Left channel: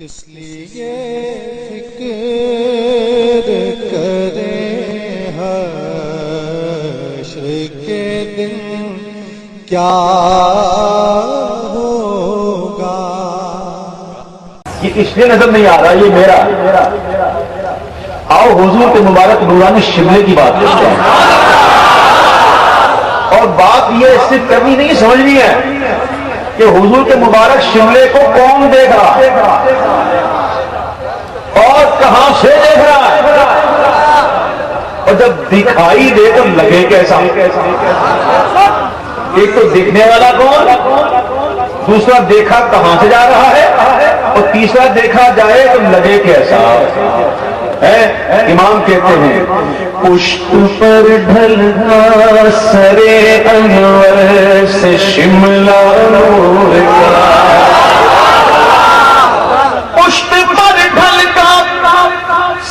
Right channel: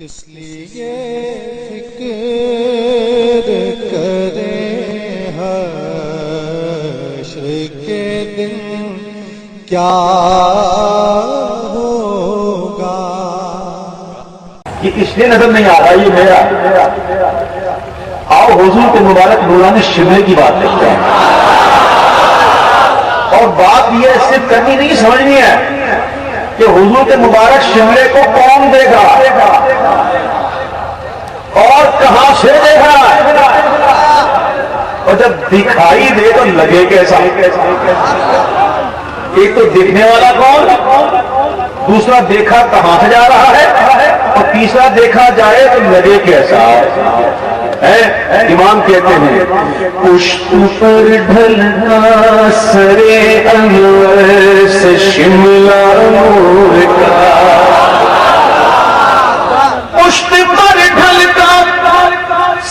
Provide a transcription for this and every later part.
کس لیے فکر کریں حشر کے دن کیا ہوگا. یہ اس لیے نظر نہیں آ رہا، یہ میرا. آؤ حضور کے مبارک نورانی شملے کی بات کرتے ہیں. اور بات یہ صرف کرنی نہیں، سمجھنی ہے کہ حضور کے مبارک شملے کو کون دیکھ رہا ہے اور کہاں سے دیکھ رہا ہے، اور جب دکھائی دے تو لگے کیسا. ایک تو دیکھنے والا کون، دوسرا دیکھا کہاں سے جا رہا ہے، اور تیسرا دیکھا جائے تو لگے کیسا. امام کہتے ہیں پشت پر ڈھلنا سرے انور سے شملہ نور کا، پشت پر ڈھلتا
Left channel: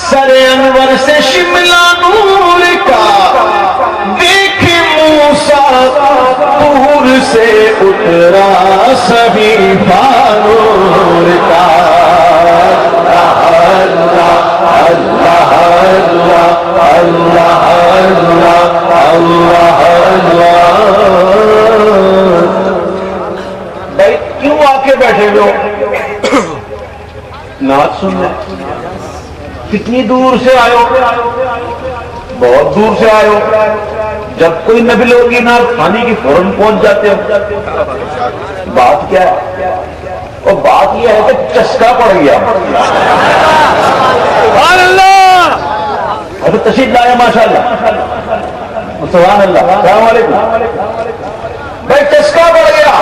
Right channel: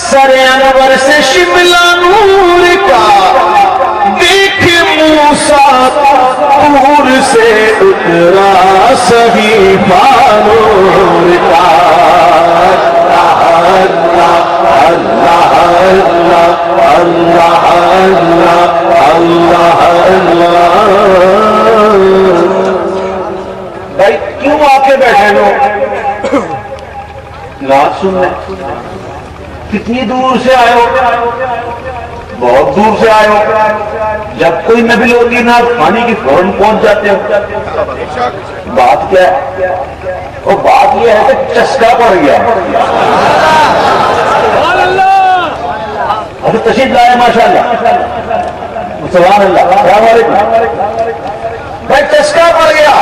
سرے انور سے شملہ نور کا، دیکھ موسیٰ طور سے اترا صحیفہ نور کا. اللہ اللہ اللہ اللہ اللہ. بھائی کیوں آ کے بیٹھے ہو نعت سننے؟ کتنی دور سے آئے ہو؟ بہت دور سے آئے ہو. جب کوئی نبی ہوگی نعت خانی کی فوراً پہنچ جاتے ہو. بات کیا ہے؟ اور بات یہ ہے کہ چسکا پڑ گیا. ابھی تشریف لائے ماشاء اللہ، سبحان اللہ. السلام علیکم. بھائی چسکا پڑ گیا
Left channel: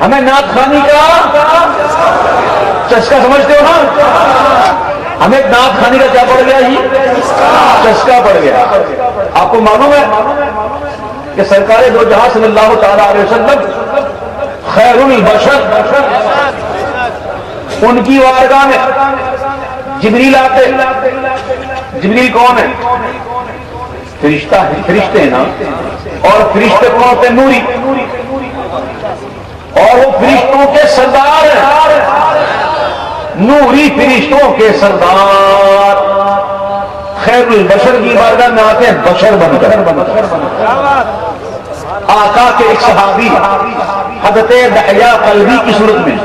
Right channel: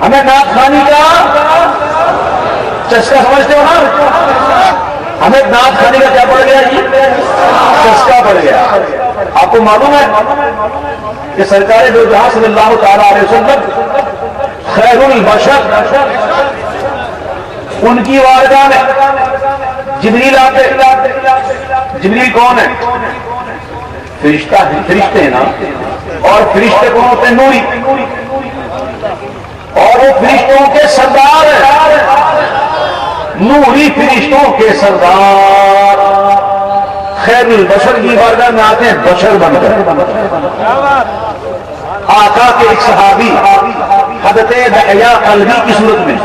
ہمیں نعت خانی کا. چسکا سمجھتے ہو نا؟ ہمیں نعت خانی کا کیا پڑ گیا جی؟ چسکا پڑ گیا. آپ کو معلوم ہے کہ سرکار دو جہاں صلی اللہ تعالی علیہ وسلم خیر البشر، ان کی وارگاہ میں جبریل آتے. جبریل کون ہے؟ فرشتہ ہے، فرشتے ہیں نا. اور فرشتے کون ہوتے ہیں؟ نوری. اور وہ فرشتوں کے سردار ہیں، نوری فرشتوں کے سردار. خیر البشر کی بارگاہ میں آتے ہیں بشر بن کر. آقا کے ایک صحابی حضرت دحیہ قلبی کی صورت میں.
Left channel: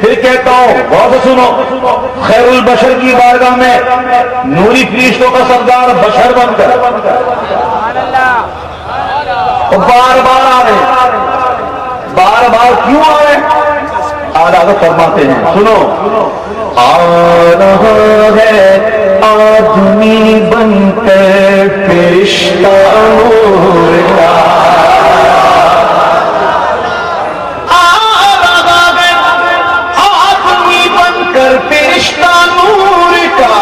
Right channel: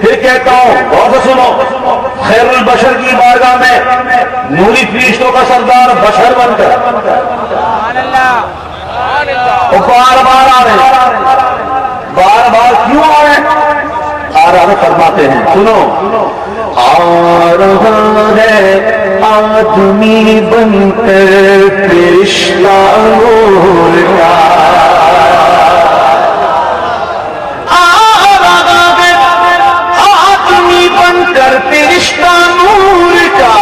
پھر کہتا ہوں بہت سنو، خیر البشر کی بارگاہ میں نوری فرشتوں کا سردار بشر بن کر بار بار آ رہے. بار بار کیوں آ رہے؟ آدھا فرماتے ہیں سنو. آ رہا ہے آدمی بن کر فرشتہ نور کا، فرشتہ نور کا.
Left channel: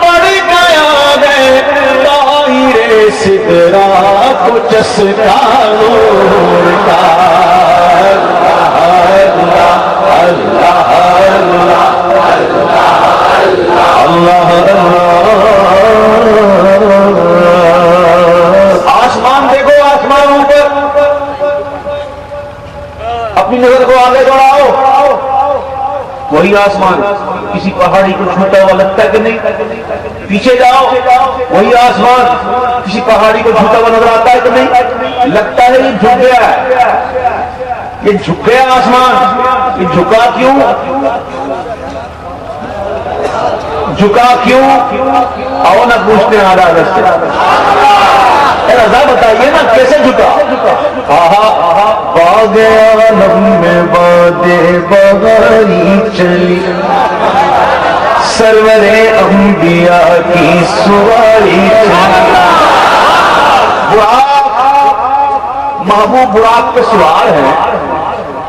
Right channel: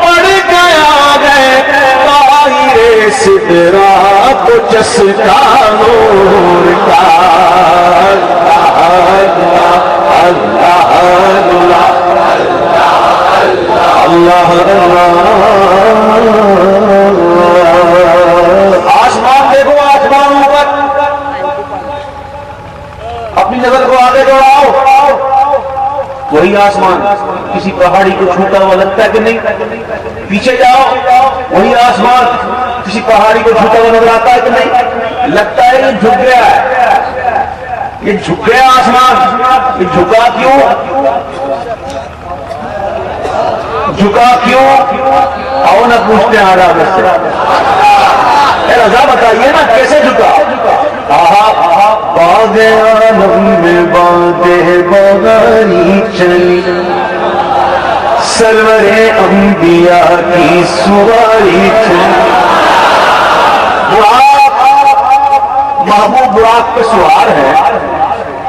پڑ گیا ہے طاہر سدرا کو چسکا نور کا. اللہ اللہ اللہ اللہ. آسمان دیکھو، آسمان اوپر. اپنی نظر کو آگے بڑھاؤ. وہی آسمان کسی پہاڑی کو چھوٹا ہوا لگتا ہے کہ نہیں؟ پیچھے جاؤ، وہی آسمان کسی پہاڑی کو چھوٹا ہوا نظر آتا ہے کہ نہیں؟ لگتا ہے یہ جھک گیا ہے. یہ جھک گیا آسمان. یہ جھکا کیوں؟ جھکا کیوں؟ آؤ نہ پوچھتے ہیں آدھا سے. رضا بتائیے نا کیسے جھکا؟ باد عالم میں بادے بغاری چلی، سرور انبیاء کی سواری چلی. محبوب براق پہ سوار ہے.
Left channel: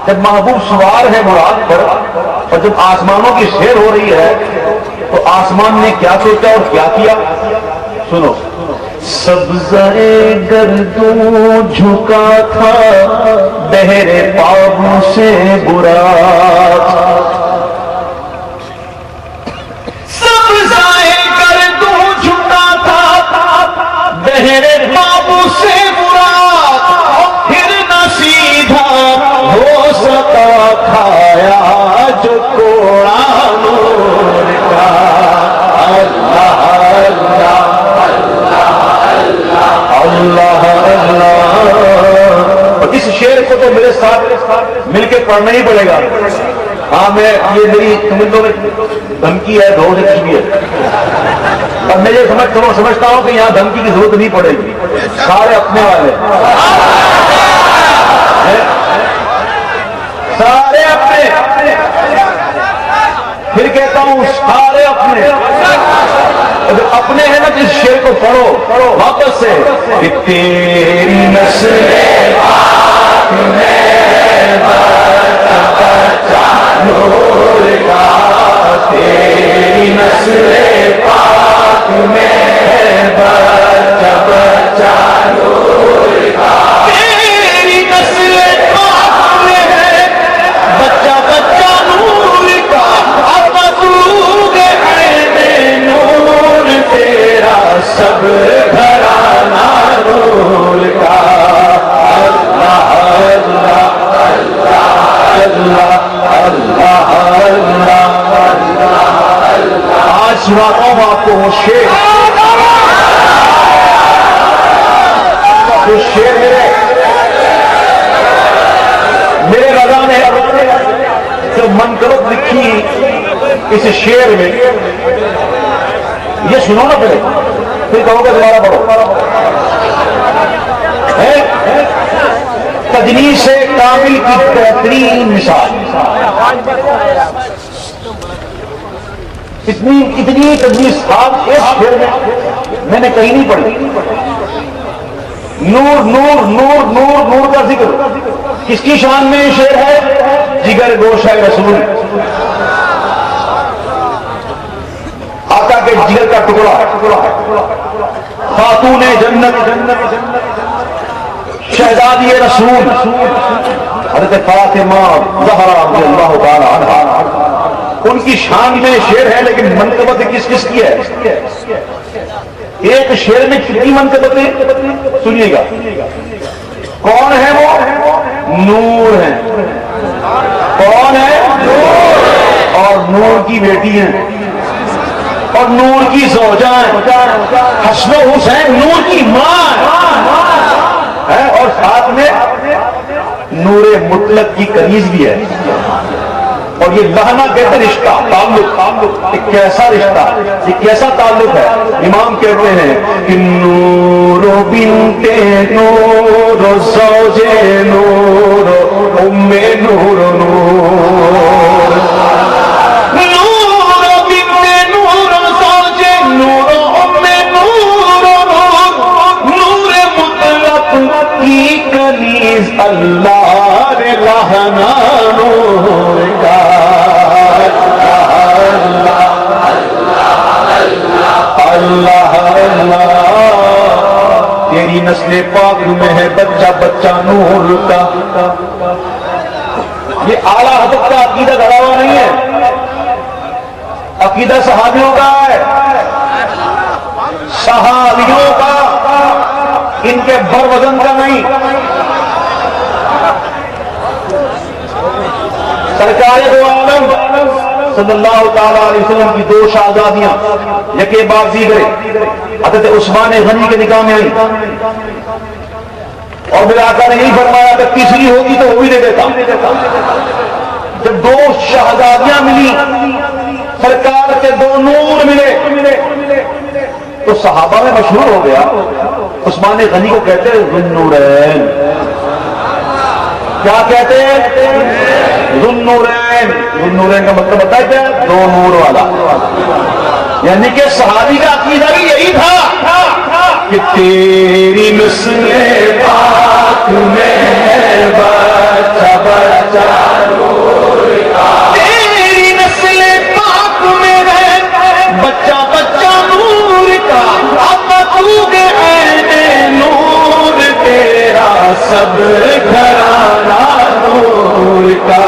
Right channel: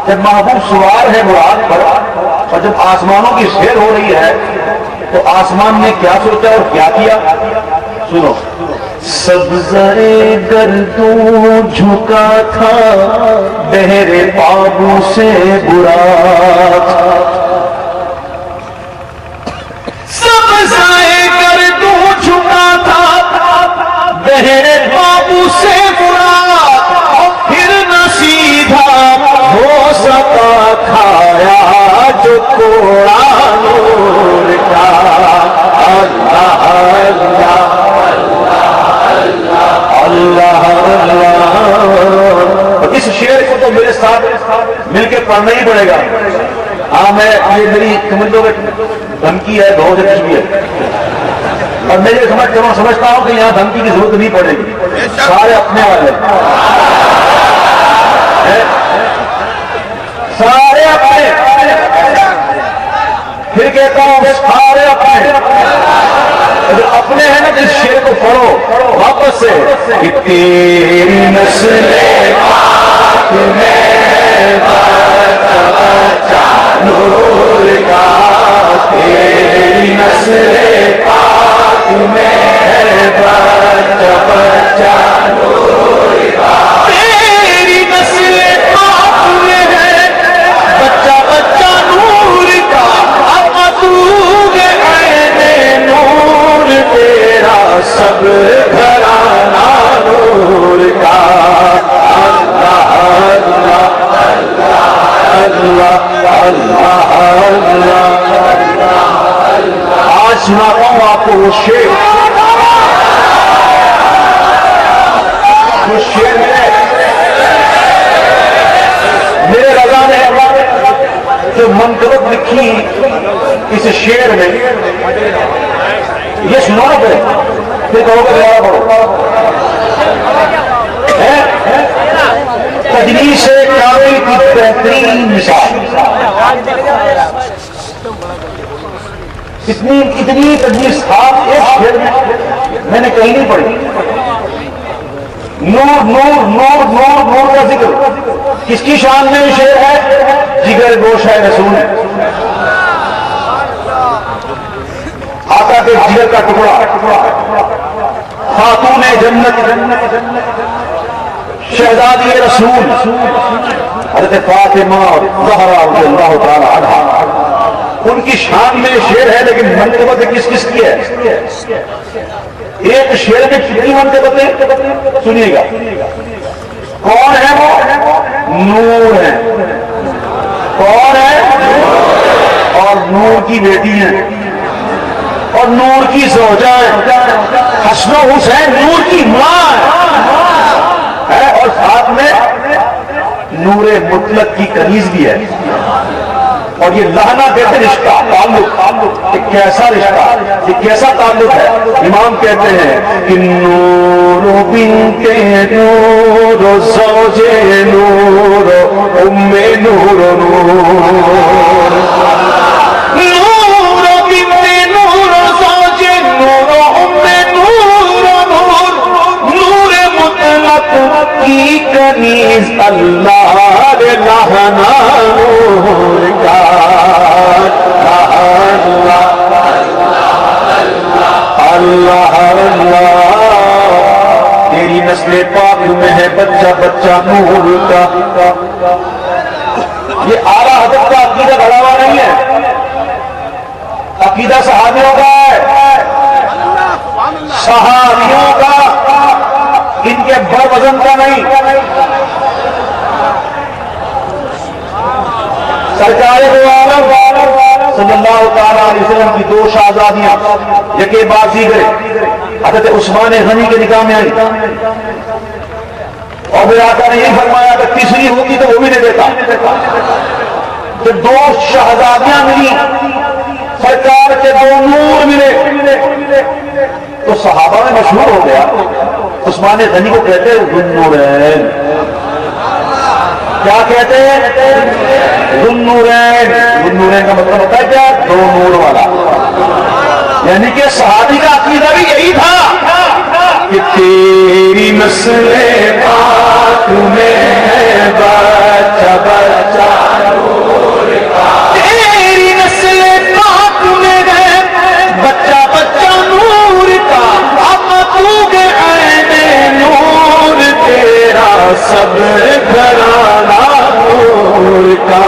جب محبوب سوار ہے براق پر، اور جب آسمانوں کی سیر ہو رہی ہے تو آسمان نے کیا سوچا اور کیا کیا؟ سنو. سبزۂ گردوں جھکا تھا، بہر پابو سے براق. سبزۂ گردوں جھکا تھا، بہر پابو سے براق. پھر نہ سیدھا ہو سکا کھایا جو کوڑا نور کا اللہ اللہ اللہ اللہ۔ اور اس شعر کو تو میرے ساتھ مل کے پڑھنا ہی پڑے گا۔ ہاں میں یہ میری سمجھو کہ دھمکی ہے، دھو سے بھی ہے، اور میں یہ سمجھتا ہوں کہ یہاں دھمکی کی ضرورت نہیں پڑے گی، سارے اپنے والے سارے اپنے، پھر کہتا ہوں سارے اپنے، اگر اپنے ہیں نا تو اس شعر کو پڑھو واپس سے کہ تیری نسل پاک میں بچہ نور کا، تیری نسل پاک میں بچہ نور کا، تیری نسل پاک میں ہے بچہ نور کا، مقصود عین نور تیرا سب گھرانہ نور کا اللہ اللہ اللہ اللہ اللہ۔ آج سناتا ہوں آپ کو وہ شعر میرے رضا نے جو منقبت لکھی اس شعر میں، یہ سنو نا پہلے، پھر کہو گے دوبارہ پڑھو۔ تجلیس کامل کی بہترین مثال، اتنی تجلیس خاص اس شعر میں نے کہیں نہیں پڑھی۔ نور نور نور نور نور کا ذکر کس کی شان میں یہ شعر ہے؟ جگر گوش ہے رسول، آقا کے جگر کا ٹکڑا، خاتون جنت، شہزادی رسول حضرت فاطمہ زہرا رضی اللہ تعالی عنہا، ان کی شان میں شعر ہے، لیکن منقبت کس کس کی ہے؟ ایک شعر میں کتنی منقبتیں سنیے گا۔ کون ہے وہ؟ نور ہے۔ کون ہے؟ اور نور کی بیٹی ہیں اور نور کی زوجہ ہے، حسن و حسین نور کی ماں ہے، اور ساتھ میں نور مطلق کی کنیز بھی ہے۔ اور یہ لہنا کہتے رشتہ، تعلق، ایک کیسا رشتہ، ایک کیسا تعلق ہے۔ امام کہتے ہیں کہ نور بنت نور زوج نور ام نور نور، نور بنت نور زوج نور ام نور نور، نور مطلق کی کنیز اللہ لہنا نور کا اللہ اللہ۔ تیری نسل پاک میں ہے بچہ نور کا۔ یہ اعلیٰ حضرت کا عقیدہ گڑا ہوا نہیں ہے، عقیدہ صحابیوں کا ہے، صحابیوں کا، ان کے بر وزن کا نہیں۔ سرکار دو عالم صلی اللہ تعالیٰ علیہ وسلم کی دو شہزادیاں یکے بعد دیگرے حضرت عثمان غنی کے نکاح میں ہوئی، اور میرے آقا نے یہی فرمایا کہ تیسری ہوگی تو وہ بھی دے دیتا۔ جب دو شہزادیاں ملی، سرکار کے دو نور ملے، تو صحابہ میں مشہور ہو گیا، عثمان غنی کو کہتے ہیں ذو النورین۔ کیا کہتے ہیں؟ ذو النورین۔ ذو النورین کا مطلب ہوتا ہے کیا؟ دو نور والا، یعنی کہ صحابی کا عقیدہ بھی یہی تھا کہ تیری نسل پاک میں ہے بچہ نور کا، تیری نسل پاک میں ہے بچہ نور کا، مقصود عین نور تیرا سب گھرانہ نور کا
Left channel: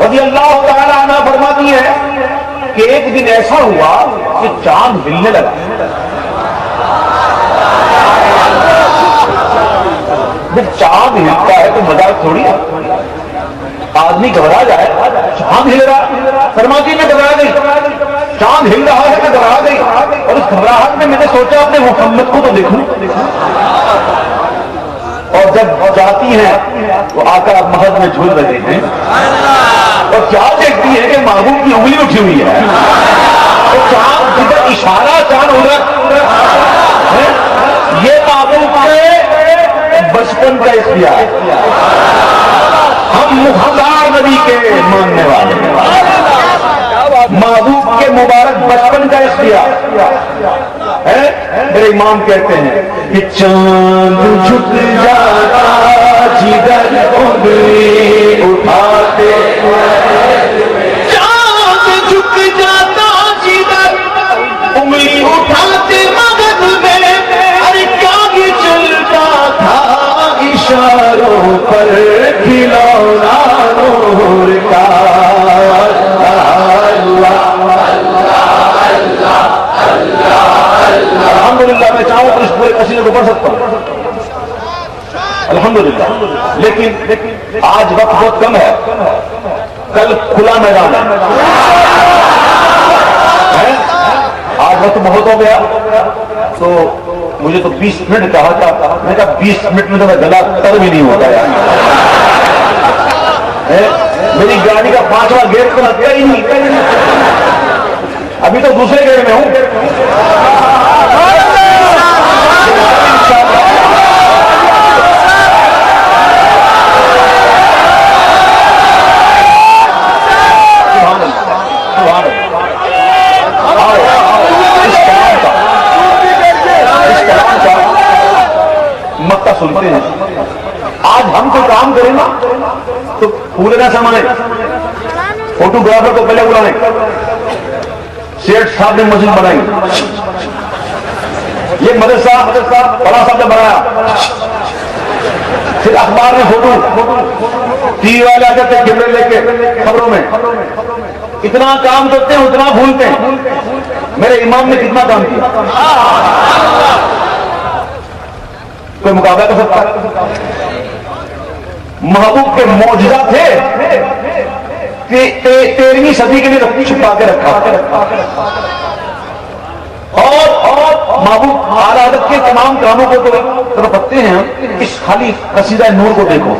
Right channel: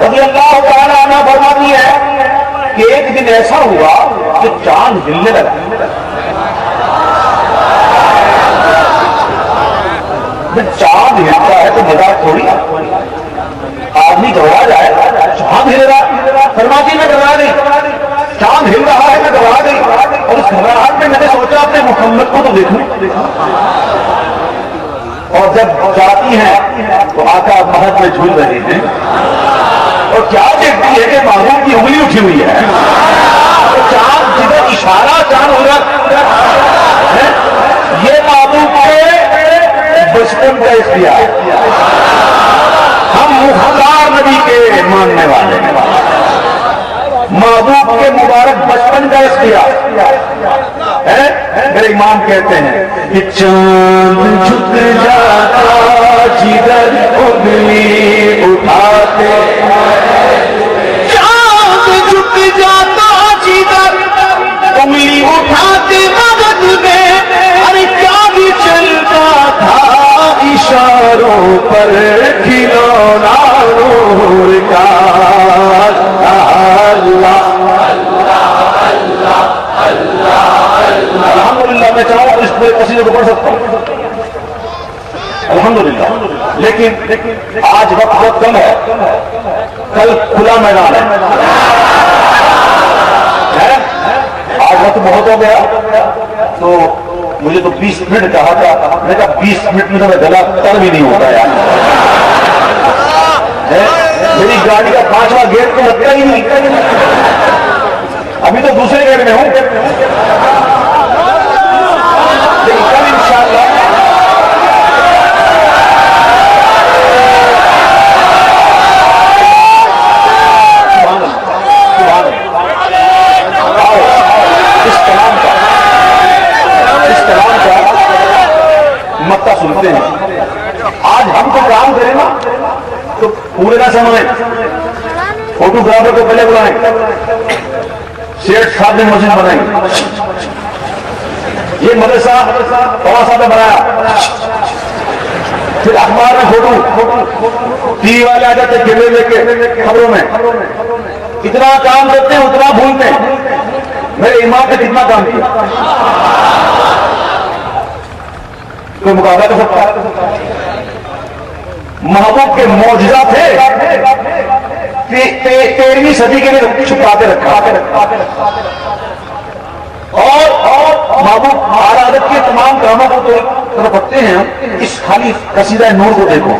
رضی اللہ تعالیٰ عنہ فرماتی ہے کہ ایک دن ایسا ہوا کہ چاند ہلنے لگا، جب چاند ہلتا ہے تو مزاج تھوڑی آدمی گھبرا جائے چاند ہل رہا فرماتی میں گھبرا گئی چاند ہل رہا ہے میں گھبرا گئی اور اس گھبراہٹ میں نے سوچا اپنے محمد کو تو دیکھوں اور جب جاتی ہیں تو آقا محض میں جھول رہے ہیں اور کیا دیکھتی ہے کہ محبوب کی انگلی اٹھی ہوئی ہے تو چاند جدھر اشارہ چاند ہو رہا یہ محبوب کے بچپن کا اختیار ہم مختار نبی کے ماننے والے محبوب کے مبارک بچپن کا اختیار میرے امام کہتے ہیں کہ چاند جھک جاتا جدھر انگلی اٹھاتے چاند جھک جاتا جدھر انگلی اٹھاتے مدد میں ارے کیا بھی چلتا تھا اشاروں پر کھلونا نور کا الحمدللہ میں چاہوں تو اس پورے قصیدے کو پڑھ سکتا ہوں الحمدللہ لیکن آج وقت بہت کم ہے کل کھلا میدان ہے آج وقت بہت ہو گیا تو مجھے تو 20 منٹ کہا تھا میں کہا 20 منٹ میں تو میں گلا تر بھی نہیں ہوتا یار میری گاڑی کا 5واں گیٹ تو لگتا ہی نہیں ابھی تو دوسرے گیٹ میں ہوں اس کلام کا مکہ سنتے ہیں آج ہم تو کام کریں نا تو پورے نہ سمجھیں فوٹوگرافر کو پہلے بلائیں سیٹ صاحب نے مسجد بنائی یہ مدرسہ فلاں صاحب نے بنایا پھر اخبار میں فوٹو ٹی وی والے آ جاتے کیمرے لے کے خبروں میں اتنا کام کرتے ہیں اتنا بھولتے ہیں میرے امام نے کتنا کام کیا کوئی مقابلہ کر سکتا ہے محبوب کے معجزہ تھے کہ 13ویں صدی کے لیے چھپا کے رکھا اور محبوب عادت کے تمام کاموں کو تو رکھتے ہیں اس خالی قصیدہ نور کو دیکھو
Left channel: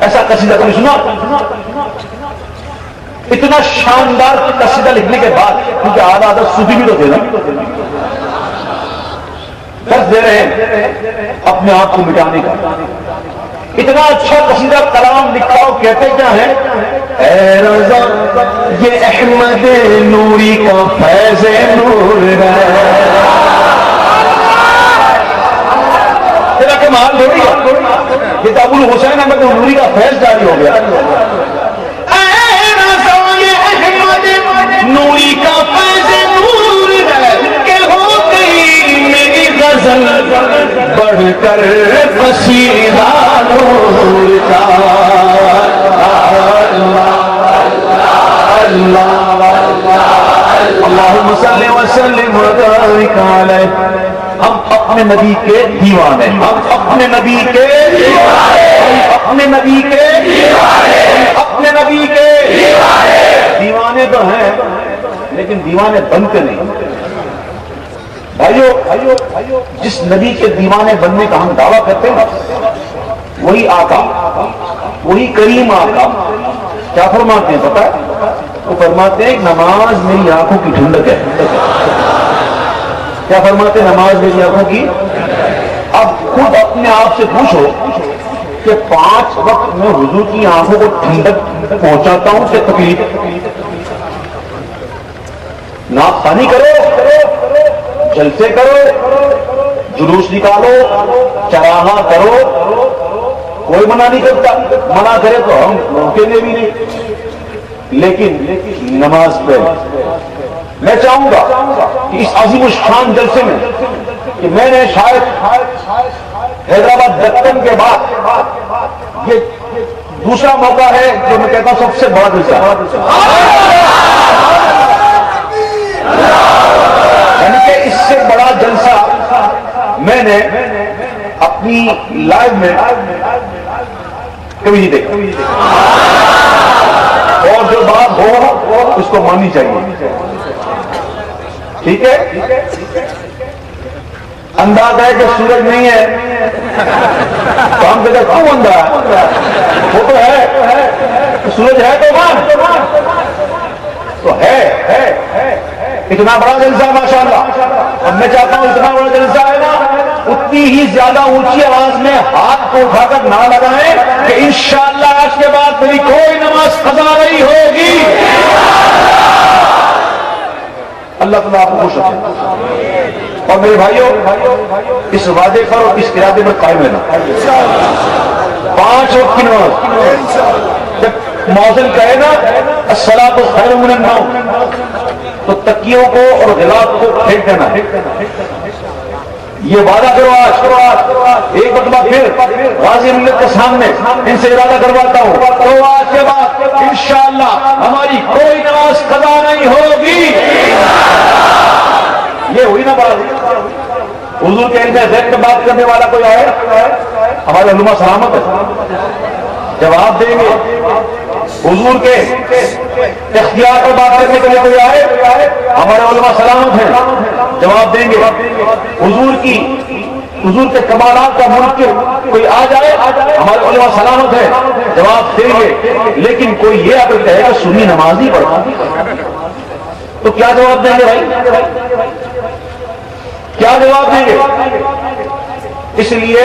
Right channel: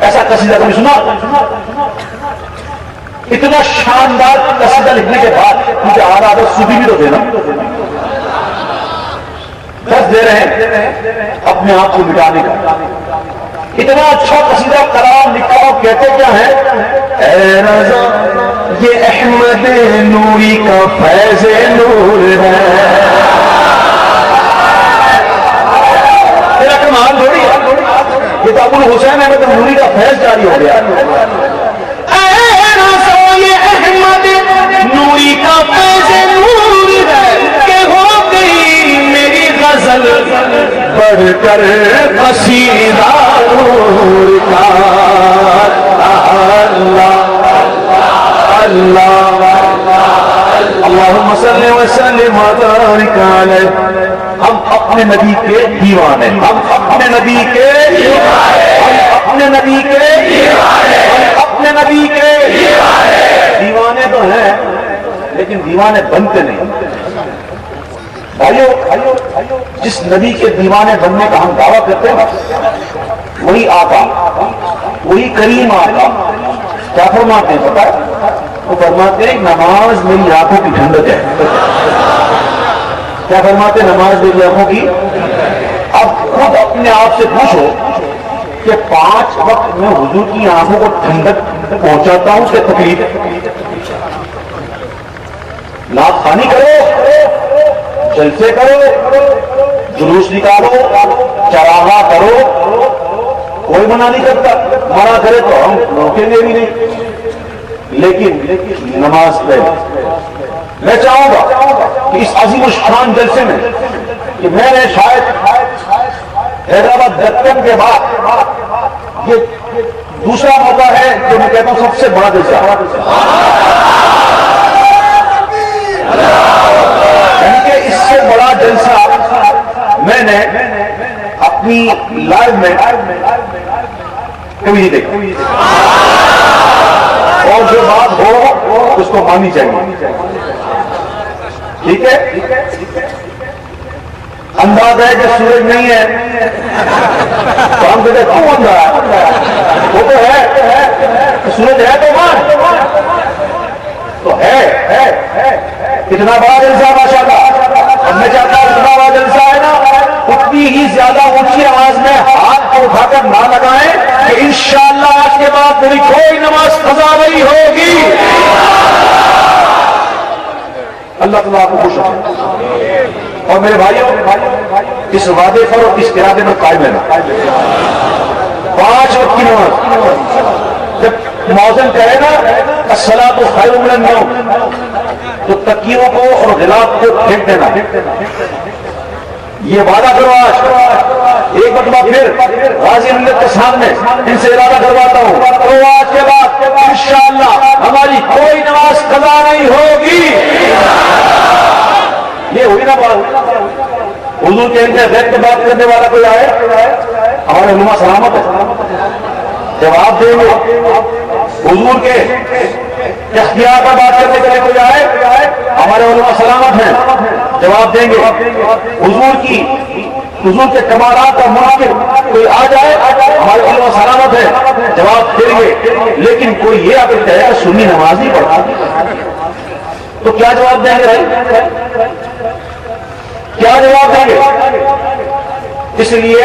ایسا قصیدہ کوئی سنا اتنا شاندار قصیدہ لکھنے کے بعد کیونکہ عادت صوفی بھی تو تھے نا دس دے رہے ہیں اپنے آپ کو مٹانے کا اتنا اچھا قصیدہ کلام لکھا اور کہتے کیا ہے اے رضا یہ احمد نوری کا فیض نور ہے تیرا کمال تھوڑی ہے یہ تو ابو الحسین احمد نوری کا فیض جاری ہو گیا اے رضا یہ احمد نوری کا فیض نور ہے کہ ہو گئی میری غزل بڑھ کر قصیدہ نور کا اللہم صلی وسلم وبارک علیہ ہم اپنے نبی کے دیوانے ہم اپنے نبی کے اپنے نبی کے اپنے نبی کے دیوانے تو ہیں لیکن دیوانے بنتے نہیں بھائیو جس نبی کے دیوانے بننے کا ہم دعویٰ کرتے ہیں وہی آقا وہی کریم آقا کیا فرماتے ہیں پتا ہے وہ فرماتے ہیں نماز میری آنکھوں کی ٹھنڈک ہے کیا فرماتے ہیں نماز میری آنکھوں کی اب خود اپنے آپ سے پوچھو کہ 5 وقت میں حضور کی آنکھوں کو ٹھنڈک پہنچاتا ہوں کہ تکلیف ناک خانی کرو جلسے کرو جلوس نکالو چراغا کرو کوئی منع نہیں کرتا منع کرے تو ہم روکیں گے بھی نہیں لیکن نماز پڑھ میں چاہوں گا کہ اس عظیم الشان جلسے میں کہ میں نے شاید حیدرآباد دفتر کے بعد یہ دوسرا موقع ہے جو میں کہتا ہوں سب سے بڑا جلسہ یعنی کہ اس سے بڑا جلسہ میں نے اپنی لائف میں کبھی نہیں دیکھا، اور جو بات ہو اس کو ماننی چاہیے، ٹھیک ہے؟ انداز ہے کہ سورج نہیں ہے تو ہم کہتے کیوں اندھا ہے؟ وہ تو ہے، سورج ہے تو ہے، اتنا بڑا جلسہ ماشاء اللہ، اور میں چاہتا ہوں اتنا بڑا جلسہ ہے نا، اتنی ہی زیادہ اونچی آواز میں ہاتھ کو اٹھا کر نہ لگائیں کہ انشاءاللہ آج کے بعد میری کوئی نماز قضا نہیں ہوگی۔ اللہ تعالیٰ آپ کو خوش رکھے، اور میرے بھائیوں اس وعدے پر اور اس ارادے پر قائم رہنا۔ 5 وقت کی نماز جب مؤذن کہے نا الصلاۃ خیر من النوم، تو تکیوں کو اور غلاف کو پھینک دینا، یہ وعدہ کرو آج۔ ایک مرتبہ پھر غازی ملت کے سامنے ان سے ارادہ کرواتا ہوں، تو آج کے بعد انشاءاللہ ہماری کوئی نماز قضا نہیں ہوگی۔ یہ ہوئی نا بات، حضور کے ذہن پہ بات کرنے والا کوئی آئے، ہمارے علماء سلامت ہے، جواب دیں گے۔ حضور کے اختیار پر بات کرنے کے لیے کوئی آئے، ہمارے علماء سلامت ہیں، جواب دیں گے۔ حضور کے کمالات کا منکر کوئی آ جائے، ہمارے علماء سلامت ہیں، جواب دیں گے۔ لیکن کوئی یہ اگر کہے کہ سنی نماز ہی پڑھا تو کیا جواب دیں گے بھائی؟ کیا جواب دیں گے؟ اس لیے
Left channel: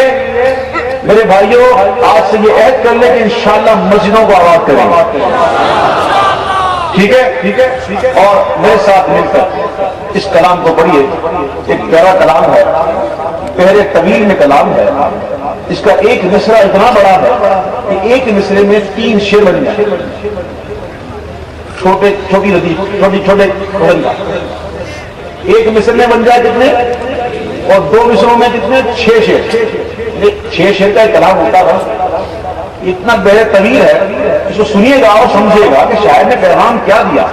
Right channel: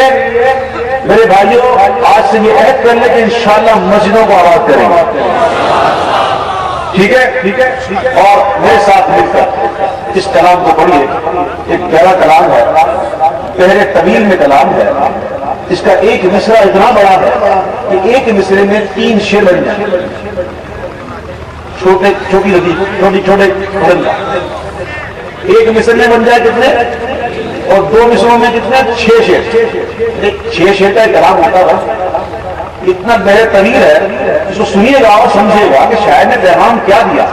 میرے بھائیوں آج سے یہ عہد کر لیں کہ انشاءاللہ مسجدوں کو آباد کریں گے، ٹھیک ہے؟ اور میرے ساتھ مل کر اس کلام کو پڑھیے۔ ایک پیارا کلام ہے، پہلے طویل میں کلام ہے، اس کا ایک مصرع اتنا بڑا ہے کہ ایک مصرے میں 3 شعر بن جائیں، چھوٹے بن جائے، ایک مصرے میں بن جائے کتنے، اور 2 مصروں میں کتنے، 6 شعر۔ 6 شعر کا کلام ہوتا تھا، اتنا بڑے طویل ہے، اس کو سنیے گا اور سمجھے گا کہ شاعر نے پیغام کیا دیا۔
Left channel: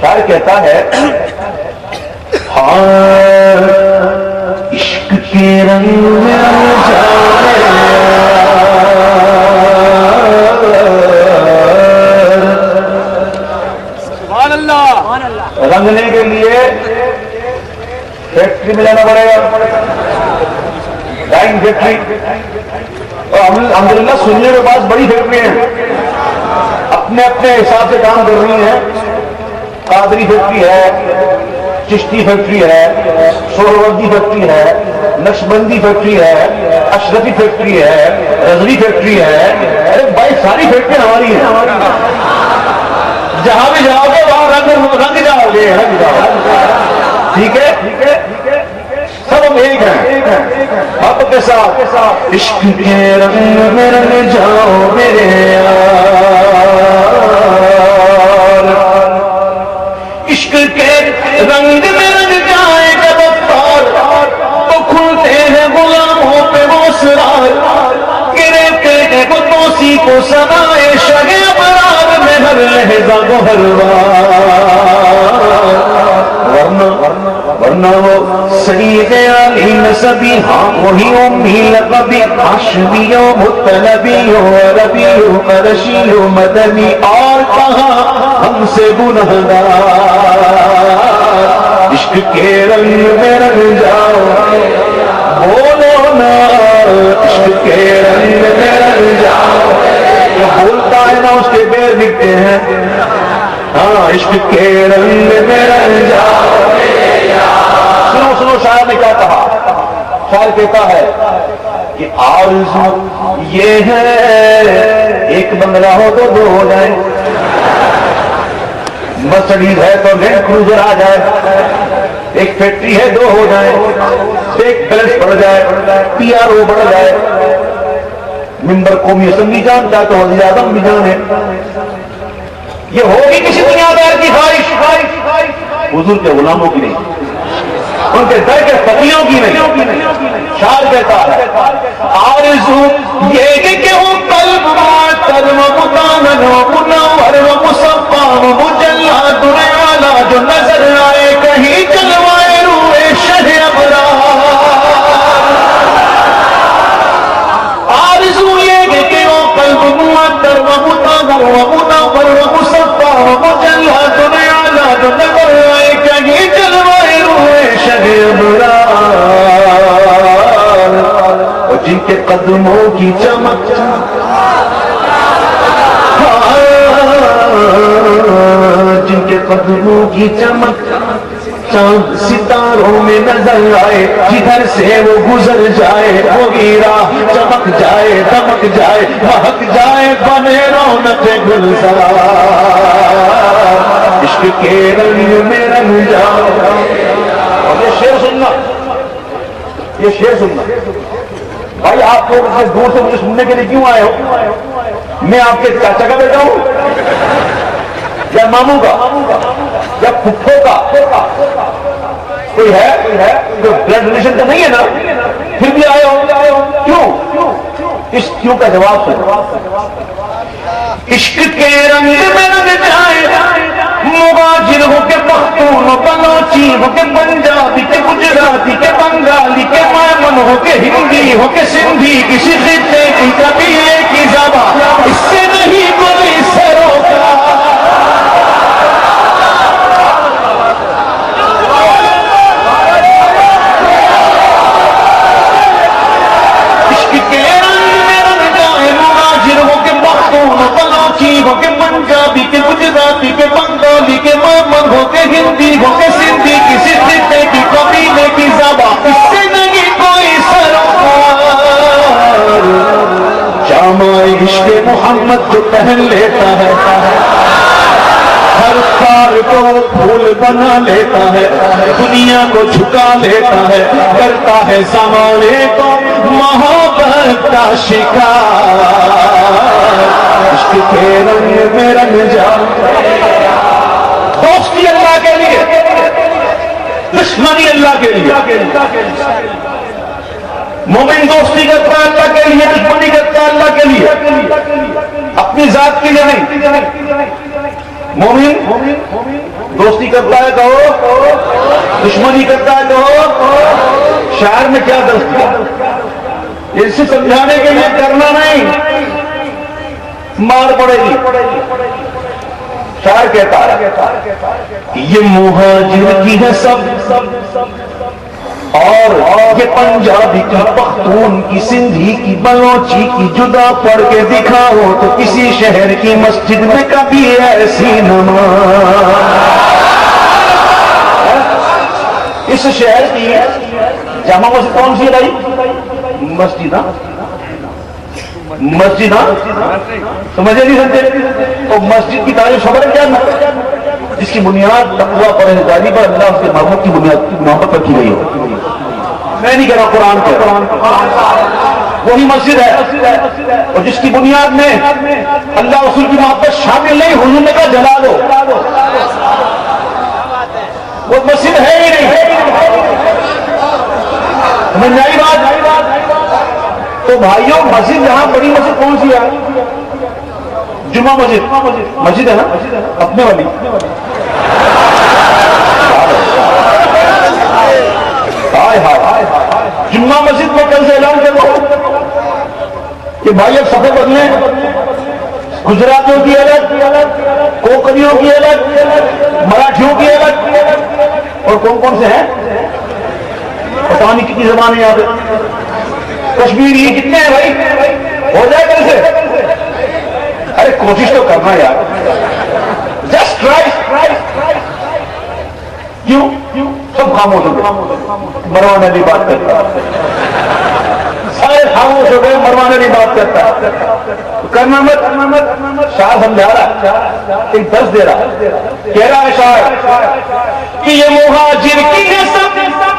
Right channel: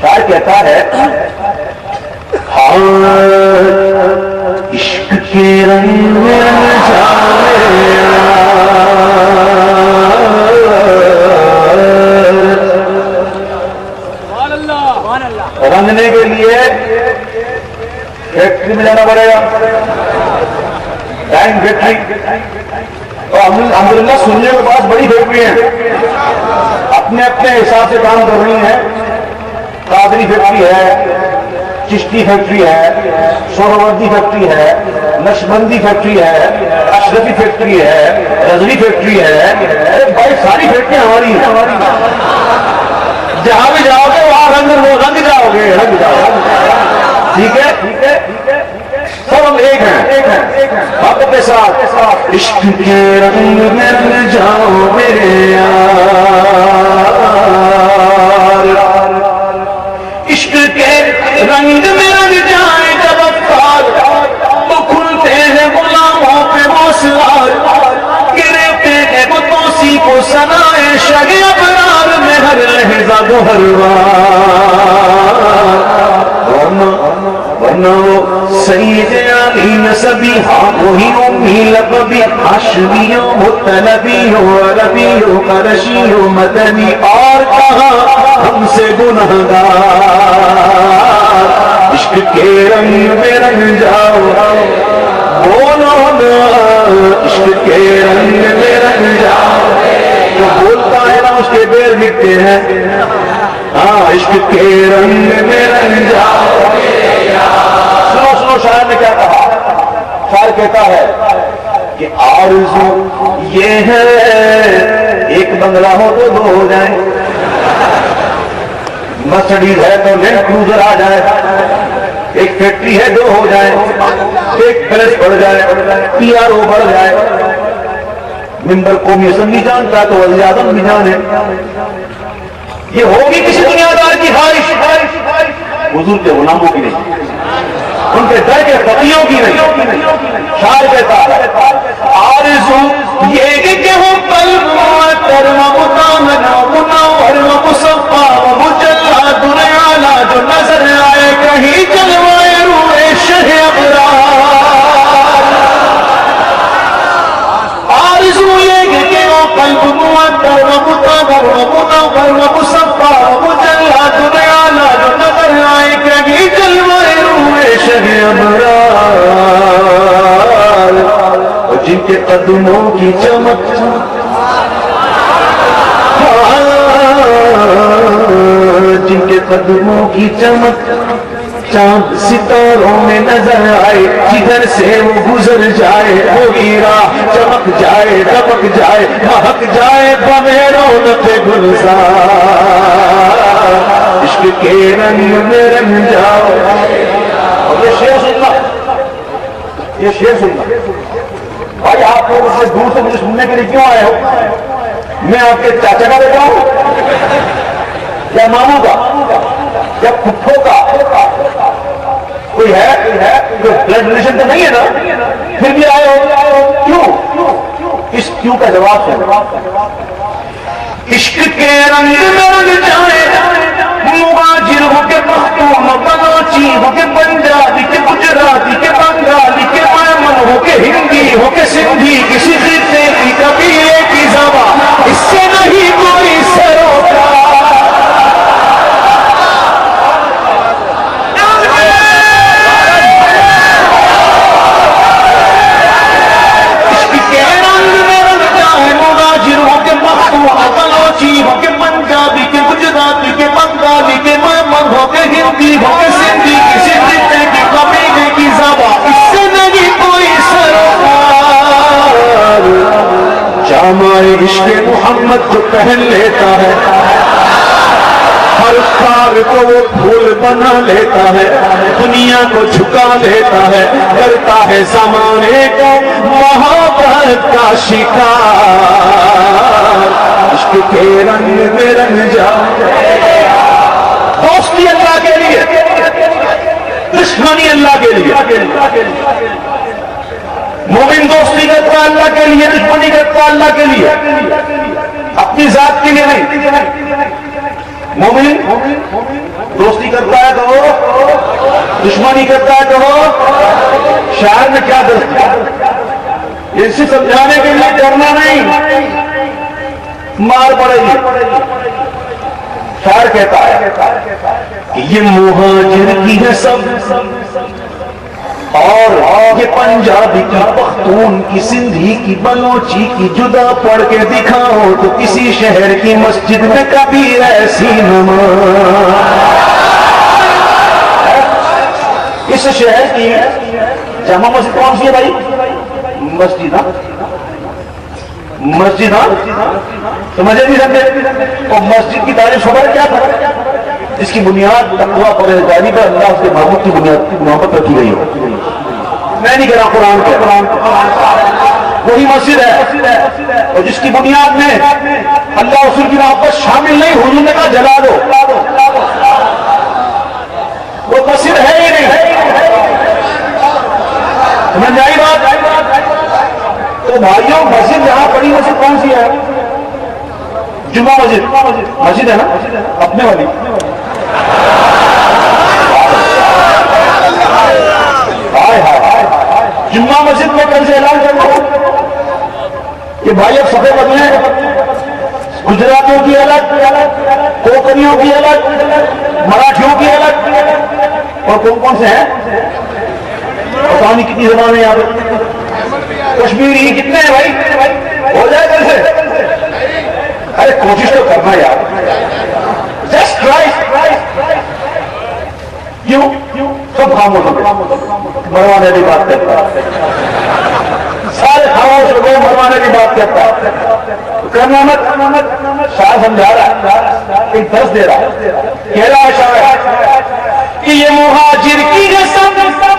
شاعر کہتا ہے عشق کے رنگ میں رنگنے کے لیے فیکٹری میں جانا پڑے گا، ڈائنگ فیکٹری، اور الحمدللہ سننے کے پاس بڑی فیکٹری ہیں، اپنے حساب سے کام کر رہی ہیں۔ قادری فیکٹری ہے، چشتی فیکٹری ہے، سہروردی فیکٹری ہے، نقشبندی فیکٹری ہے، اشرفی فیکٹری ہے، رضوی فیکٹری ہے۔ ارے بھائی ساری فیکٹری ہماری ہیں، جہاں بھی جاؤ گے وہاں رنگ جاؤ گے، ٹھیک ہے؟ سب ہم ایک ہیں، آپ کے ساتھ عشق کے رنگ میں رنگ جاؤ میرے یار، عشق کے رنگ میں رنگ جائے جب افطار، تو کھلتے ہیں غلاموں پہ وہ اسرار، گرتے ہیں قدوسی کو سنائے شہ ابرار میں ہر لہجہ گوہر ورنہ سید علی نسبی، ہاں وہی امی لقبی، ہاشمی و مطلبی و عربی و قرشی و مدنی، اور کہاں ہم سے گنہگار، عشق کے رنگ میں رنگ جاؤ بولو نا، عشق کے رنگ میں رنگ جاؤ، جو بولتا ہے نا اس کے پیر دکھتے ہیں۔ ہاں عشق کے رنگ میں رنگ جاؤ۔ سنو شاعر نے کیا کہا؟ شاعر کہتا ہے کہ آرزو یہ ہے ایک بنگلہ ہو تو 2 ہو جائیں، مرسڈیز ہے تو لینڈ کروزر آ جائے، ایک فیکٹری ہے 2 ہو جائے، ایک پیلس بڑھ جائے، PRO بڑھ جائے، ممبر قومی اسمبلی جانتا ہے تو وزیر اعظم بھی جانے۔ یہ ہوگی کسی دنیا دار کی خواہش، حضور کے غلاموں کی نہیں، ان کے در کے فقیروں کی نہیں۔ شاعر کہتا ہے آرزو یہ کہ وہ قلب معطر و مطمئن و منور و مصفا و مجلا دنیا جو نظر آئے کہیں جلوائے روئے شہ ابرار، رہے ابرار، جن کے قدموں کی چمک جن کے قدموں کی چمک چاند ستاروں میں نظر آئے، جدھر سے وہ گزر جائے وہی راہ چمک جائے، دمک جائے، مہک جائے بمے رونق گلزار، عشق کے رنگ میں رنگ جاؤ۔ اور یہ شعر سننا، یہ شعر سننا بھائی، آپ کو دور سے مجھے سننے کے لیے کیوں آئے ہو؟ میں آپ کے چاچا کا بیٹا ہوں یا ماموں کا یا پھپھو کا؟ کوئی ہے بلڈ ریلیشن تو نہیں ہے نا؟ پھر بھی آئے ہو، کیوں؟ اس کیوں کا جواب ہے عشق کے رنگ میں رنگ جائے، مہاجر ہو کے پختون بلوچی ہو کے پنجابی کے گجراتی کے بنگالی کے میمن ہو کے ہندی ہو کے سندھی، کسی خطے کی قبیلے کی زبان اس سے نہیں کوئی سروکار۔ ہو کے پنجابی کے گجراتی کے بنگالی کے میمن ہو کے ہندی ہو کے سندھی، کسی خطے کی قبیلے کی زبان اس سے نہیں کوئی سروکار۔ جامع عشق محمد جو پہن لیتا ہے، ہر خار کو وہ پھول بنا لیتا ہے، دنیا کو جھکا لیتا ہے، کرتا ہے زمانے کو محبت کا شکار۔ عشق کے رنگ میں رنگ جاؤ، دوستی اللہ کے لیے، دشمنی اللہ کے لیے۔ مومن دوستی کرتا ہے اللہ کے لیے، دشمنی کرتا ہے اللہ کے لیے، اپنی ذات کے لیے نہیں۔ مومن دوستی کرتا ہے کہو، دشمنی کرتا ہے کہو۔ شاعر میں کیا درد کیا، اسے سمجھانے کے لیے کرنا نہیں، مار پڑے گی۔ شاعر کہتا ہے یہ مہاجر کی ہے سب، اور یہ پنجابی کی، پختون کی، سندھی کی، بلوچی کی، جدا پڑھ کے دکھاؤ تو کسی شہر کی مسجد میں کبھی ایسی نماز۔ اس شہر کی جامع مسجد کون سی ہے بھائی؟ مسجد، مسجد سمجھے نہیں سکتے؟ اور مسجد کی تعریف خبر کیا تھا؟ جس کی بنیاد تقویٰ پرہیزگاری پر اللہ سے محبوب کی بنیاد کی محبت رکھی گئی ہے۔ میں نہیں کہہ رہا، قرآن کے وہی مسجد ہے، اور جس کی بنیاد میں اللہ رسول کی محبت شامل نہیں، حضور نے کہا جلا دو، وہ مسجد ہے ہی نہیں۔ سمجھ جائے بات؟ تو بھائیوں، مسجد یہاں بڑی مسجد کون سی ہے؟ جمعہ مسجد، مسجد ہے نا اپنے والی؟ جمعہ مسجد میں کل سے اعلان کر دو کہ بھائی اب صفحے بدلیں، گجراتیوں کی الگ، کوکنیوں کی الگ، مراٹھیوں کی الگ، اور کون کون سے ہیں پتا نہیں کتنی زبانیں یاد، کشمیری کتنے ہیں بھائی؟ ہو جائے کیسے؟ ارے کوشش تو کرنا یار، جسٹ ٹرائی۔ کیوں سب خاموش ہو گئے؟ مروانے کی بات کرتا، سارے خاموش ہو گئے، مروانے کی بات کرتا، کرنا مت۔ شاعر سمجھا رہا، ایک درس دے رہا، کہہ رہا ہے شاعر کہ یہ مہاجر کی ہے سب،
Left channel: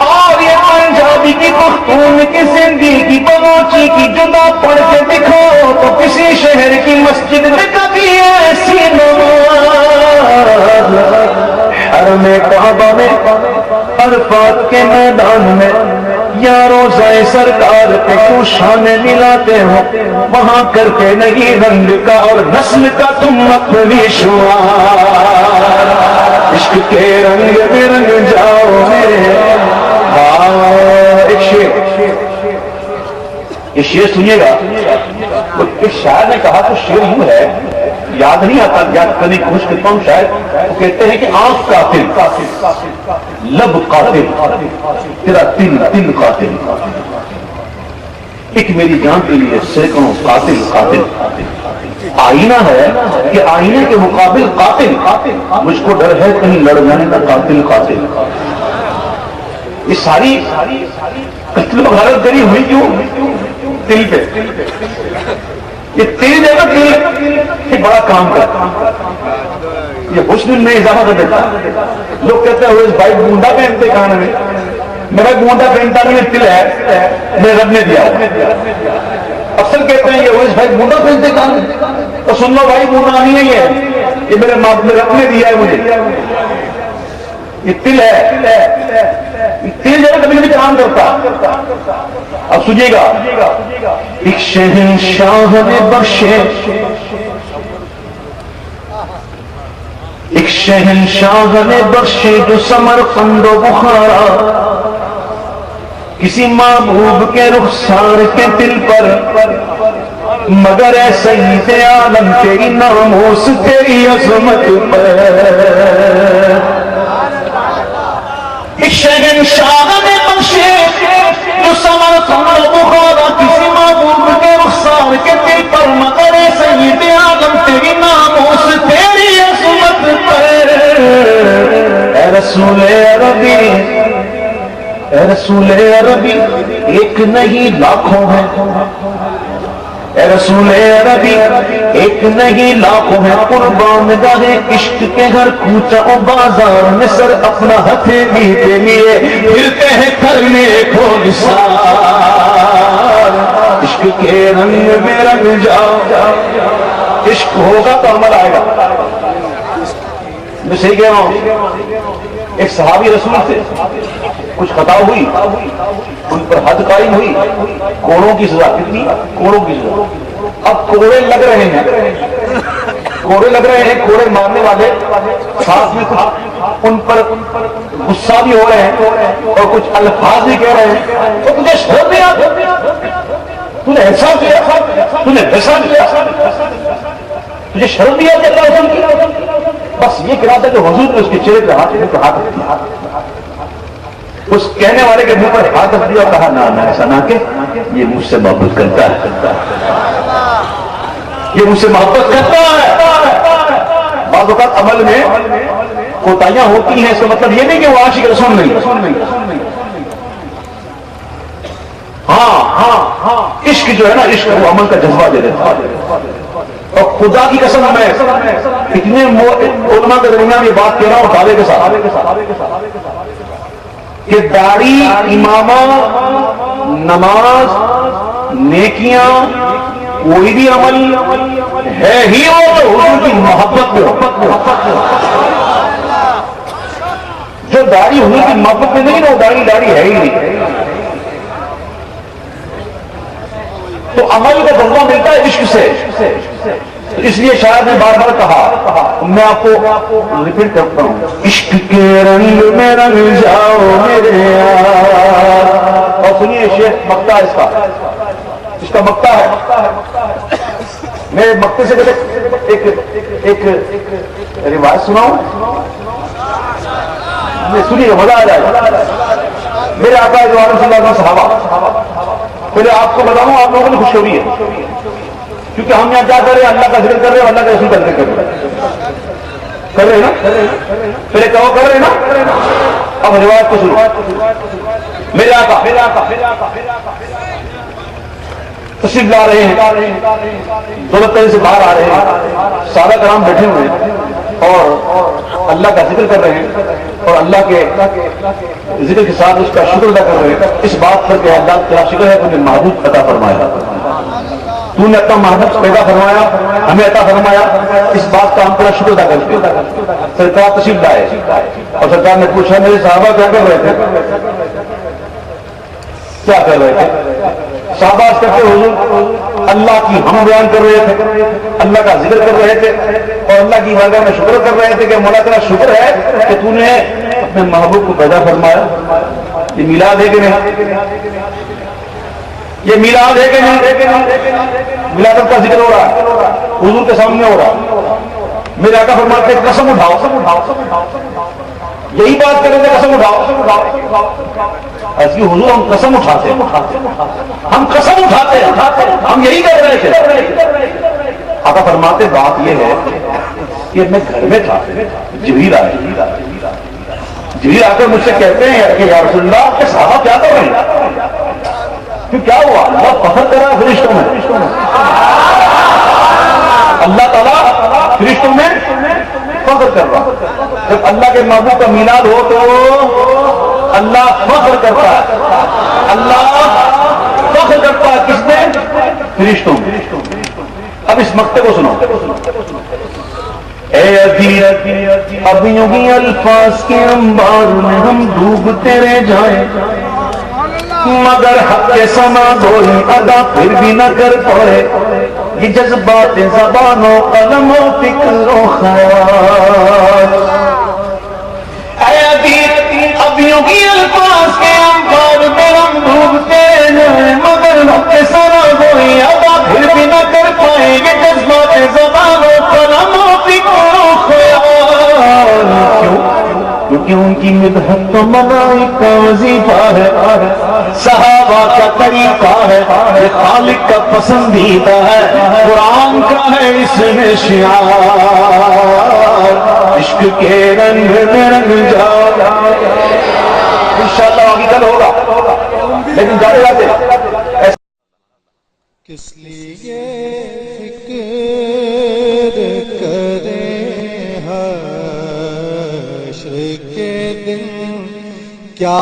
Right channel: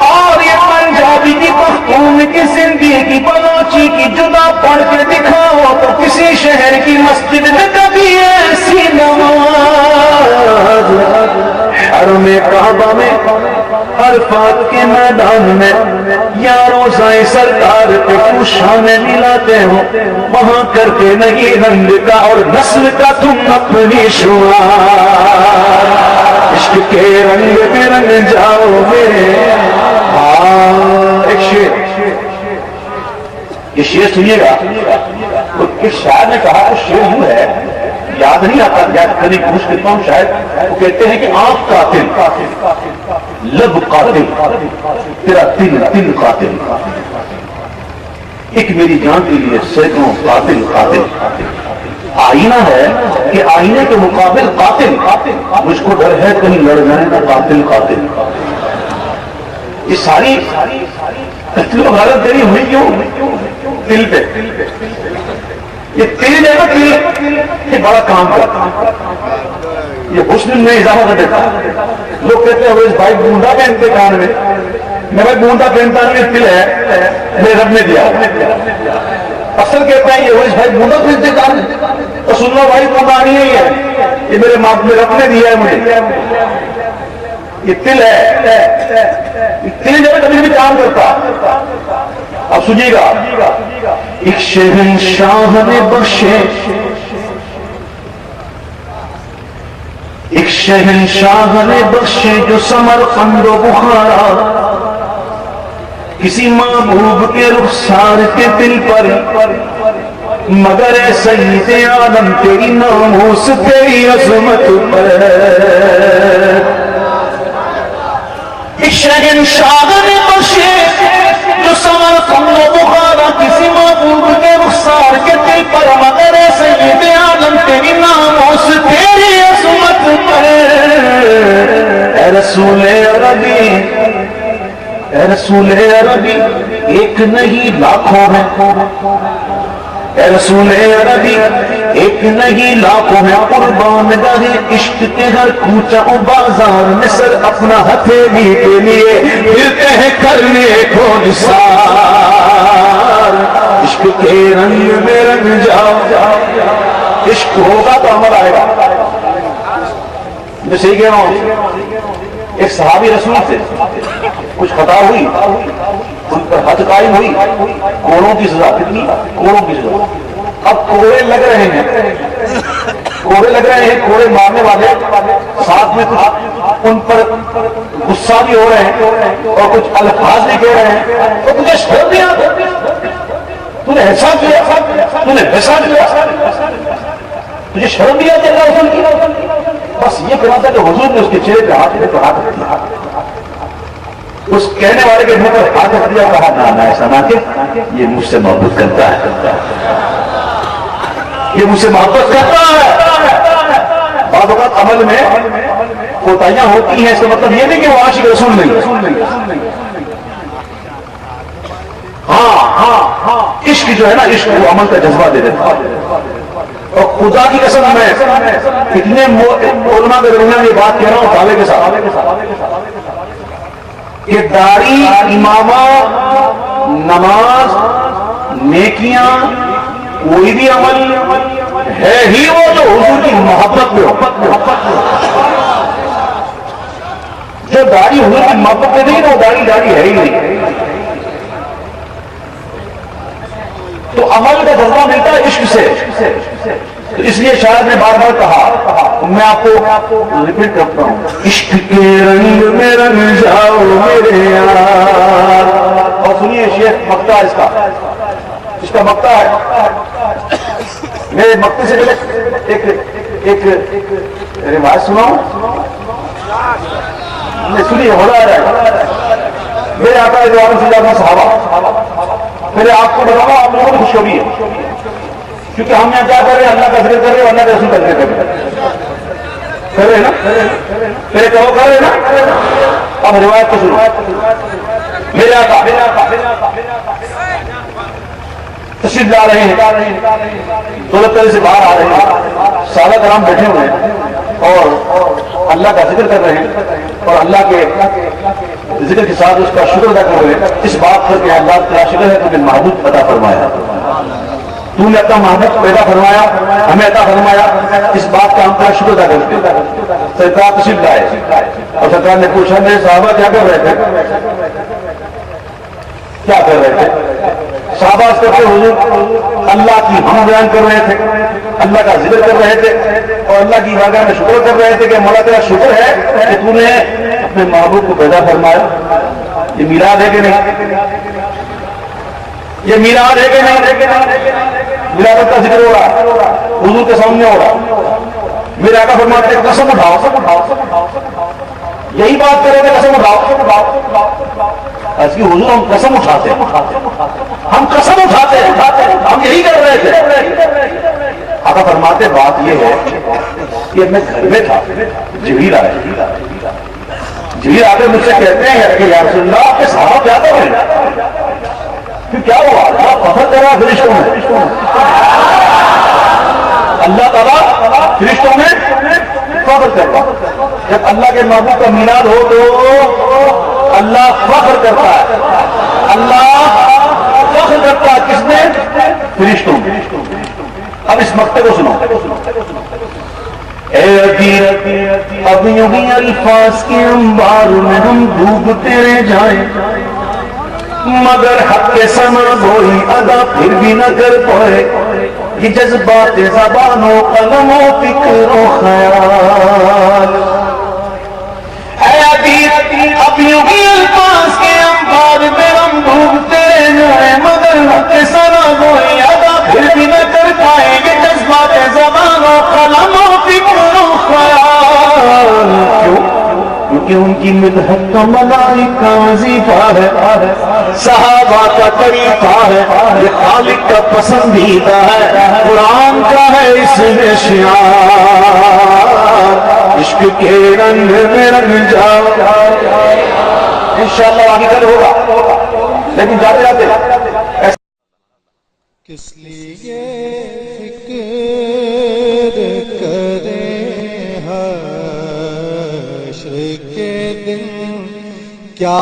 اور یہ پنجابی کی، پختون کی، سندھی کی، بلوچی کی، جدا پڑھ کے دکھاؤ تو کسی شہر کی مسجد میں کبھی ایسی نماز۔ حرم کعبہ میں، عرفات کے میدان میں، یا روضہ سرکار پہ کیوں شان ملاتے ہو، وہاں کرتے نہیں رنگ کا اور نسل کا تم اپنی شعار۔ عشق کے رنگ میں رنگ جاؤ میرے۔ ایک شعر، یہ شعر سنیے گا، ایک شاعر نے کہا کہ شعر یوں ہے، یاد نہیں آتا، یاد کرنے کی کوشش کرتا ہوں، شاید وہ کہتے ہیں کہ آنکھ قاتل لب قاتل، تیرا دل قاتل، ایک میری جان کے لیے سینکڑوں قاتل قاتل۔ آئینہ ہے کہ آئینے کے مقابل قاتل، مجھ کو ڈر ہے کہیں لڑ جانے کا قاتل قاتل۔ یہ ساری قتل و غارت گری ہوئی کیوں؟ دل پہ۔ یہ تیل ہے نا، تیل یہ بڑا کام کرتا، یہ حسن میں اضافہ کر دیتا۔ لوگ کہتے ہیں وہ اس بھائی گونڈا پہنتے کان میں، میرا گونڈا پہنتا نہیں، تل ہے میرے رب نے دیا۔ اکثر کہتے ہیں کہ وہ اس بھائی گونڈا پہنتے کان میں، تو سن لو بھائی گونڈا نہیں ہے، یہ میرے رب نے دیا ہے مجھے، یہ تل ہے، یہ تل جو ہے کبھی بھی کام کرتا۔ اب سنیے گا، ایک شہنشاہ نے بخشے، ایک شہنشاہ نے بخشے جو سمرقند و بخارا، کسی محبوب کے رخسار کے دل پر، مگر اے سید عالم تیری ناموس تیری عظمت پر۔ ایک شہنشاہ نے بخشے جو سمرقند و بخارا، کسی محبوب کے رخسار کے دل پر، مگر اے سید عالم تیری ناموس تیری عظمت پر۔ اے رسول عربی، اے رسول عربی، ایک نہیں لاکھوں ہیں، اے رسول عربی ایک نہیں لاکھوں ہیں، قربان گاہ عشق کے ہر کوچہ و بازار میں سر اپنا ہتھیلی کے لیے پھرتے ہیں کرنے کو نثار۔ عشق کے رنگ میں رنگ جاؤ، عشق ہوگا تو عمل آئے گا۔ میں صحیح کہہ رہا ہوں؟ ایک صحابی رسول سے کچھ خطا ہوئی، ان پر حد قائم ہوئی، کوڑوں کی سزا، کتنی کوڑوں کی سزا۔ اب کوڑے لگ رہے ہیں، کوڑے لگ رہے ہیں، کوڑے مارنے والے ساتھ میں کچھ ان پر غصہ بھی ہو رہے ہیں اور کچھ الفاظ بھی کہہ رہے ہیں، تو تجھے شرم نہیں آتی؟ تو نے ایسا کیا، تو نے ویسا کیا، تجھے شرم نہیں آتی اللہ حکم کی؟ بس یہ کہا تھا کہ حضور نے اس کے چہرے پہ ہاتھ رکھے تو ہاتھ رکھ دیا، اس کہنے والے کے منہ پر ہاتھ رکھ دیا، کہا نہ ایسا نہ کہ یہ مجھ سے محبت کرتا ہے، یہ مجھ سے محبت کرتا ہے۔ بعض اوقات عمل میں کوتاہیاں ہوتی ہیں، اس کا مطلب یہ نہیں کہ وہ عاشق رسول نہیں۔ ہاں عشق جو ہے نا، عشق وہ عمل کا جذبہ دے دیتا ہے۔ اور خدا کی قسم میں اتنے علماء کے درمیان یہ بات کہہ رہا ہوں دعوے کے ساتھ کہ داڑھی، امامہ، نماز، نیکیاں، کوئی بھی عمل ہے ہی ہو تو حضور کی محبت میں ہو۔ جو داڑھی حضور کی محبت میں نہیں، وہ داڑھی ہے ہی نہیں۔ تو عمل کا جذبہ ملتا ہے عشق سے، اس لیے شاعر نے بار بار کہا، میں آپ کو ریپیٹ کرتا ہوں، عشق کے رنگ میں رنگ جاؤ میرے یار۔ اور سنیے شیخ مکتا ہے اس کا مکتا ہے، میں مکتے سے پہلے ایک روایت سناؤں، سنیے مزہ آ جائے گا۔ میرے آقا جو عالم صلی اللہ علیہ وسلم صحابہ، پہلے آپ کو بتاؤں آپ لوگوں کو خوشخبری ہے، کیونکہ ہم یہاں کیا کر رہے ہیں، اللہ کا ذکر کر رہے ہیں، اللہ کا رسول کا ذکر کر رہے ہیں نا، پہلے کہو کر رہے نا۔ اب روایت کو سنو، میرے آقا تشریف لا رہے ہیں، دولت طرح سے باہر آ رہے ہیں، صحابہ کرام بیٹھے ہوئے ہیں اور اللہ کا ذکر کر رہے ہیں اور اللہ کے ذکر کے ساتھ اس کا شکر ادا کر رہے ہیں، اس بات پر کہ اللہ کا شکر ہے تو نے محبوب عطا فرمایا، تو نے اپنا محبوب پیدا فرمایا، ہمیں عطا فرمایا، اس بات کا ہم تیرا شکر ادا کرتے ہیں۔ سرکار تشریف لائے اور سرکار نے پوچھا میرے صحابہ کیا کر رہے تھے، کیا کر رہے تھے؟ صحابہ اس کے حضور اللہ کی ہم بیان کر رہے تھے، اللہ کا ذکر کر رہے تھے اور اللہ کی عبادت میں شکر کر رہے تھے کہ مولا تیرا شکر ہے کہ تو نے اپنے محبوب کو پیدا فرمایا۔ یہ میلاد ہے کہ نہیں؟ یہ میلاد ہے کہ نہیں؟ میلاد کا ذکر ہو رہا ہے، حضور کے سامنے ہو رہا۔ میرے آقا فرماتے ہیں قسم اٹھاؤ، یہی بات کرو گے قسم اٹھاؤ ایسی حضور ہم قسم اٹھاتے ہیں ہم قسم اٹھاتے ہیں ہم یہی کر رہے تھے آقا فرماتے بات یہ ہے کہ میں گھر میں تھا جبریل آئے جبریل آ کے مجھ سے کہتے ہیں کہ یا رسول اللہ آپ کے صحابہ کیا کر رہے ہیں پھر کیا ہوا اللہ فخر کر رہا فرشتوں میں اللہ تعالیٰ فرشتوں میں فخر کر رہا جب اللہ کے محبوب کا میلاد ہو تو اللہ فخر کرتا ہے اللہ فخر کرتا ہے کس میں فرشتوں میں اب اس مقطع کو سنو اے ادیر اب یوں ہی الفاظ کے انبار میں ہم ڈوبتے رہ جائیں مگر حق کے سما بولی ادا پھر بھی نہ کر پائے یہ جذبات زبان و قلم و فکر و خیال اے ادیر اب یوں ہی الفاظ کے انبار میں ہم ڈوبتے رہ جائیں مگر حق کے سما بولی ادا پھر بھی نہ کر پائے یہ جذبات زبان و قلم و فکر و خیال کیونکہ ان کی مدحت تو ملائک کا وظیفہ ہے صحابہ کا طریقہ ہے یہ خالق کا پسندیدہ ہے قرآن کا ہے اس میں شعار عشق کے رنگ میں رنگ جاؤ انشاءاللہ آگے کل ہوگا لیکن جاتے جاتے کس لیے فکر کریں حشر کے دن کیا